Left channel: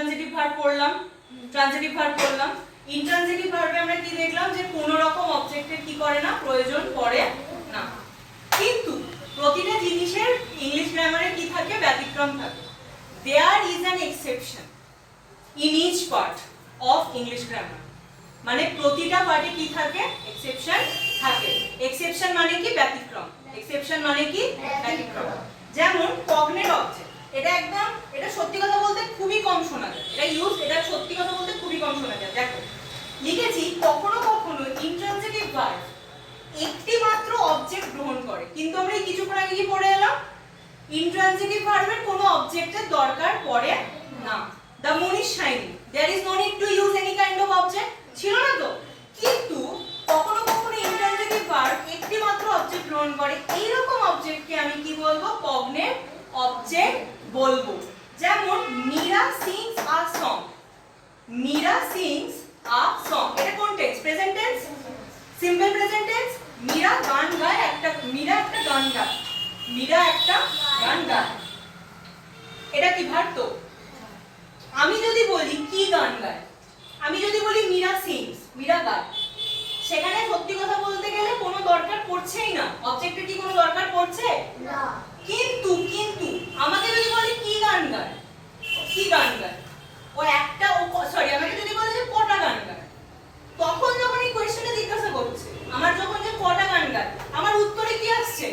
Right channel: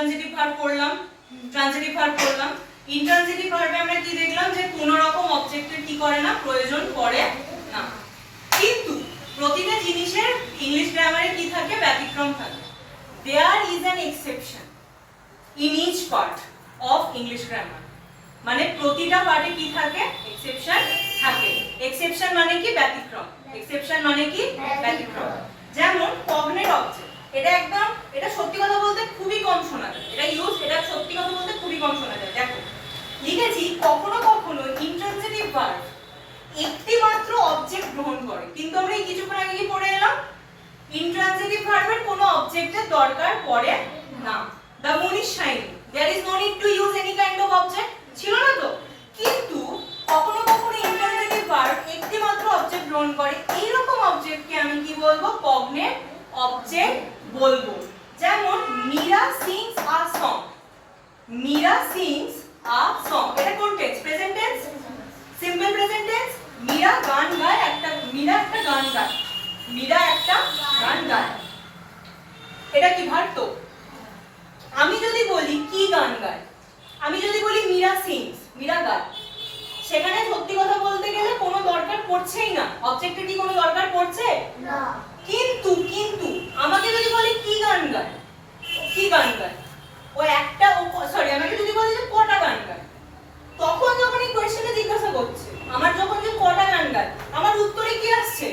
Intransitive verb পড়লাম transitive verb পড়লাম। Intransitive ভার্বে আমরা কি দেখলাম? যে কোনো রকম অবজেক্টের কি করে না, প্রয়োজন পড়ে না। কিন্তু প্রতিটা জিনিসের ইংলিশ গ্রামারে কি থাকে? ব্যতিক্রম থাকে। There is an exception in each part of English grammar মানে প্রতিটা পার্টে কি থাকে? এক্সেপশন থাকে। এক্সেপশন মানে কি? ব্যতিক্রম। এক্সেপশন মানে কি? ব্যতিক্রম। যেমন কগনেট অবজেক্ট এটা একদম এটা সত্যি কথা বলতে খুবই কম শোনা যায় এটা ইউজ এটা সত্যি কথা বলতে খুবই কম শোনা যায় দেখো লিখেছি কখনো কখনো ইন্ট্রানজিটিভ ভার্ব একটি মাত্র অবজেক্ট গ্রহণ করে। কিন্তু আমরা এই কিছুক্ষণ আগে পড়ে এলাম? ইন্ট্রানজিটিভ ভার্বের কোনো অবজেক্টের দরকার পড়ে না। The moon is shining is no need to use any kind of object ছিল না তো? কিন্তু কখনো কখনো ইন্ট্রানজিটিভ ভার্ব একটি মাত্র অবজেক্ট গ্রহণ করে। এইরকম অবজেক্টকে আমি কি বলব? কগনেট অবজেক্ট বলব। যেমন Meera sings a song Meera sings a এটা কোন tense present tense simple present tense Meera গান গায় একটা, মীরা একটা গান গায়। মীরা একটা গান গায়। এটা কি ভার তো আমি যদি বলি কি গান গায়? আমি যদি বলি মীরা সিংস মীরা গায়। সেখানে সত্যি কথা বলতে গেলে কোনো দরকার পড়ছেই না। অবজেক্টের কি কোনো দরকার পড়ছে না কিন্তু কিন্তু আমাকে যদি বলি কি গান গায় কি গান গায় ও একটা সরি আমাকে যদি বলে যে কটা গান গায় তখন যখন এই কোয়েশ্চেনে জিজ্ঞাসা করছে আমার যখন যে কটা গান গায় আমার উত্তরে কি আসছে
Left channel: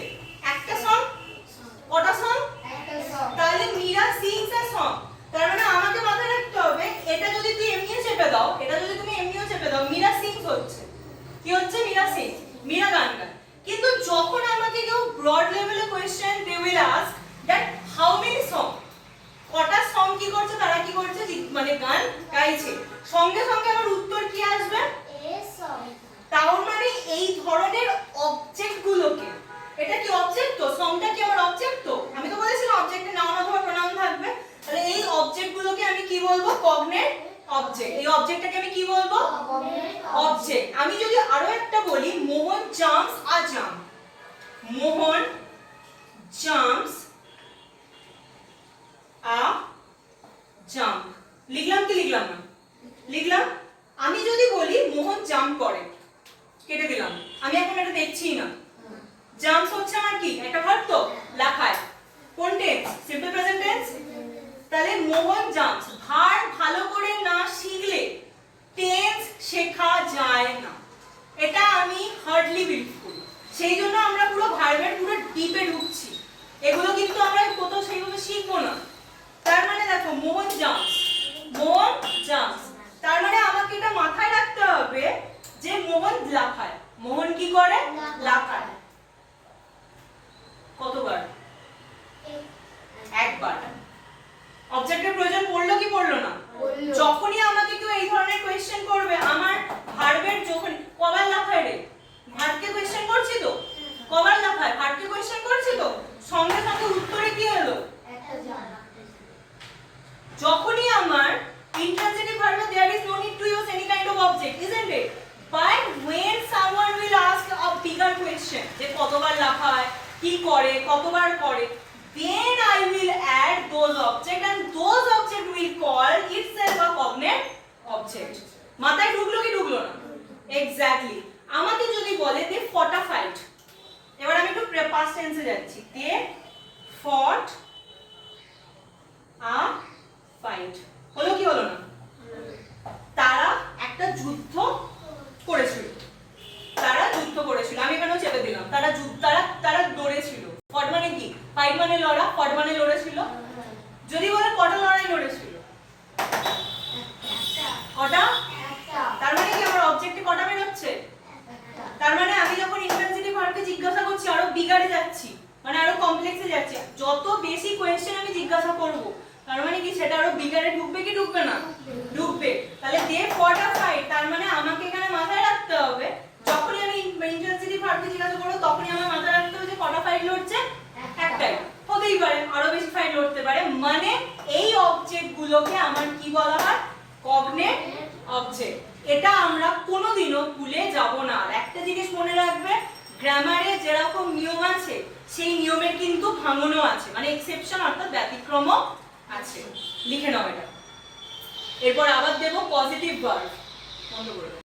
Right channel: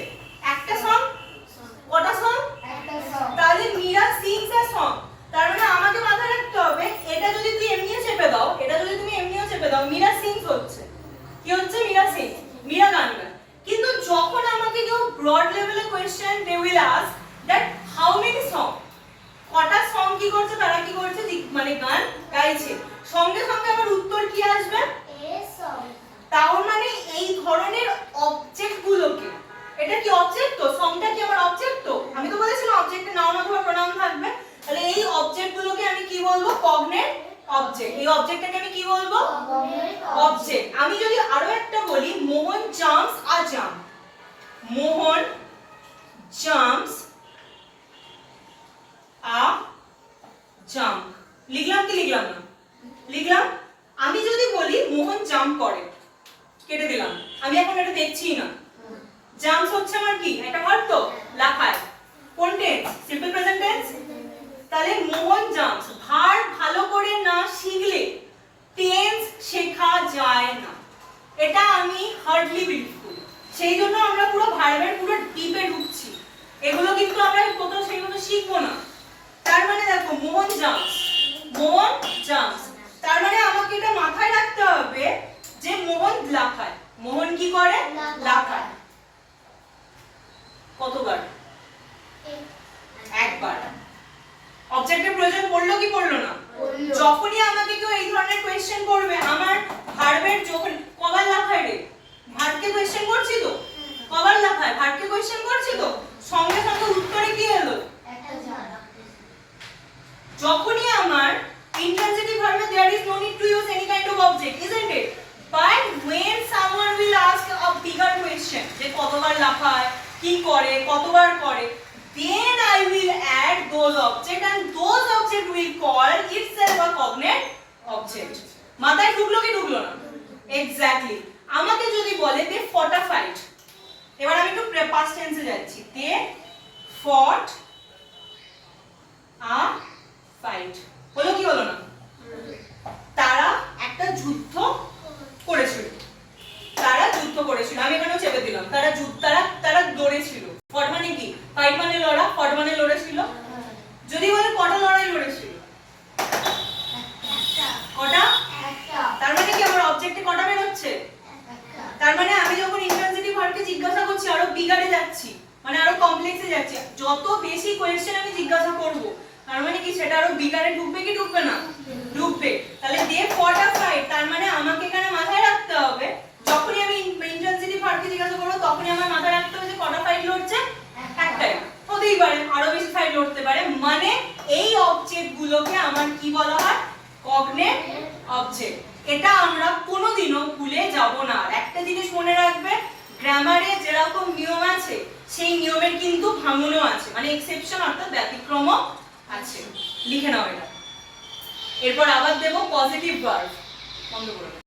একটা সং কটা সং একটা সং তাহলে মীরা সিংস আ সং তার মানে আমাকে মাথায় রাখতে হবে এটা যদি তুই এমনিও চেপে দাও এটা যদি তুমি এমনিও চেপে দাও মীরা সিংস হচ্ছে কি হচ্ছে? মীরা সিংস মীরা গান গান কিন্তু যখন আমাকে কেউ ব্রড লেভেলে question they will ask that how many song কটা সং কি করছে? তারা কি করছে? মানে গান গাইছে। সঙ্গে সঙ্গে আমার উত্তর কি আসবে? সং তাও মানে এই ধরনের অবজেক্ট গুলোকে। এটা কি অবজেক্ট তো? সংটা কি আমার অবজেক্ট তো? আমি তো বলেছিলাম অবজেক্টে নাউন অথবা প্রোনাউন থাকবে। তাহলে এই অবজেক্ট গুলোকে আমি কি বলব? কগনেট অবজেক্ট এই অবজেক্টটাকে আমি কি বলব? অবজেক্ট আমি যদি আরও একটা বলি, Mohan jumps a jump Mohan jumps a jump লিখলাম কি লিখলাম না? লিখলাম, আমি যদি বলি মোহন জাম্প করে, কেটে দিলাম। আমি এখন এটা দেখছিই না। জাম্পস হচ্ছে আমার কি? একটা ভার্ব তো? লেখায় কোন টেন্স সিম্পল প্রেজেন্ট টেন্স তাহলে মোহন জাম্পস ভার ভালো করে না শিখলে টেন্স শেখা যায় না এটা আমি হার্ডলি বিউটিফুল সেই জন্য আমরা পুরো ভাইবের পুরো ডিপে ঢুকছি। এগুলো কিন্তু আমরা কোথাও সেইভাবে শিখব না। তার মানে দেখো মোহন জাম্পস মোহন জাম্পস তার মানে আমাকে এটা মাথায় রাখতে হবে যে মোহন লাফায়। মোহন কি করে? লাফায়। কতবার একবার অবজেক্টের প্রয়োজন পড়ল কি পড়ল না পড়ল। যখনই আমাকে কেউ এই ধরনের কোয়েশ্চেন করবে আমার ভার্বের যখন কবার লাফায় রে ভার্বকে কোয়েশ্চেন করছি তো কবার লাফায় ভার্বকে কোয়েশ্চেন করছি তো সঙ্গে সঙ্গে উত্তরে কি এলো একটা জানা যখনই আমার intransitive ভার্বে there is no need to use any kind of object isn't it but when someone will ask a bigger question যে কতবার লাফায় কি করে, কতবার করে then I will add those object and those object will call itself a cognate object মাথায় ঢুকলো কি ঢুকলো না? এক্স্যাক্টলি আমাকে যদি বলে দে ফটা ফাইট এবার আমি একটু পাস্ট টেন্সে যাচ্ছি। দে ফট করেছিল। আমি এখানেও চেপে দিলাম। তারা তারা তারা লড়েছিল। ফট মানে কি? ফাইট মানে লড়া ফট মানে লড়েছিল? যদি বলে কটা লড়াই লড়েছিল? কটা? তার মানে কি আমার অবজেক্টে কটা বের হচ্ছে একটা তার মানে আমি যখন ইন্ট্রানজিটিভ ভার্বকে জিজ্ঞাসা করছি, আরও বিগারে যাচ্ছি মানে আরও কমপ্লেক্সে যাচ্ছি, যত বেশি কোয়েশ্চেন আমি জিজ্ঞাসা করব, তার মানে কি সেটা আরও বিগারে ঢুকবে কি ঢুকবে না? ঢুকবে। তাহলে দে ফটা ফাইট তার মানে আমাকে এখানে মাথায় রাখতে হবে যখনই আমি ইন্ট্রানজিটিভ ভার্বকে জিজ্ঞাসা করব তখনই আমার মাথায় রাখতে হবে যে কটা ফাইট লড়ছে একটাই হতেই পারে আরও বেশি ফাইট লড়তে পারে মানে এই অবজেক্ট গুলোকে আমার কি বলা হয়? কগনেট অবজেক্ট এটা আমরা কোনোদিনও ভুলে যাব না। আর একটা জিনিস মনে রাখবে গ্রামারে যেরকম নিয়ম আছে, সেই নিয়মের কিন্তু ভাঙনও আছে। মানে এক্সেপশন অর্থাৎ ব্যতিক্রমও আছে। লিখে নাও এটা। এরপর আবার দেবো পজিটিভ ভার্ব বন্ধ করে।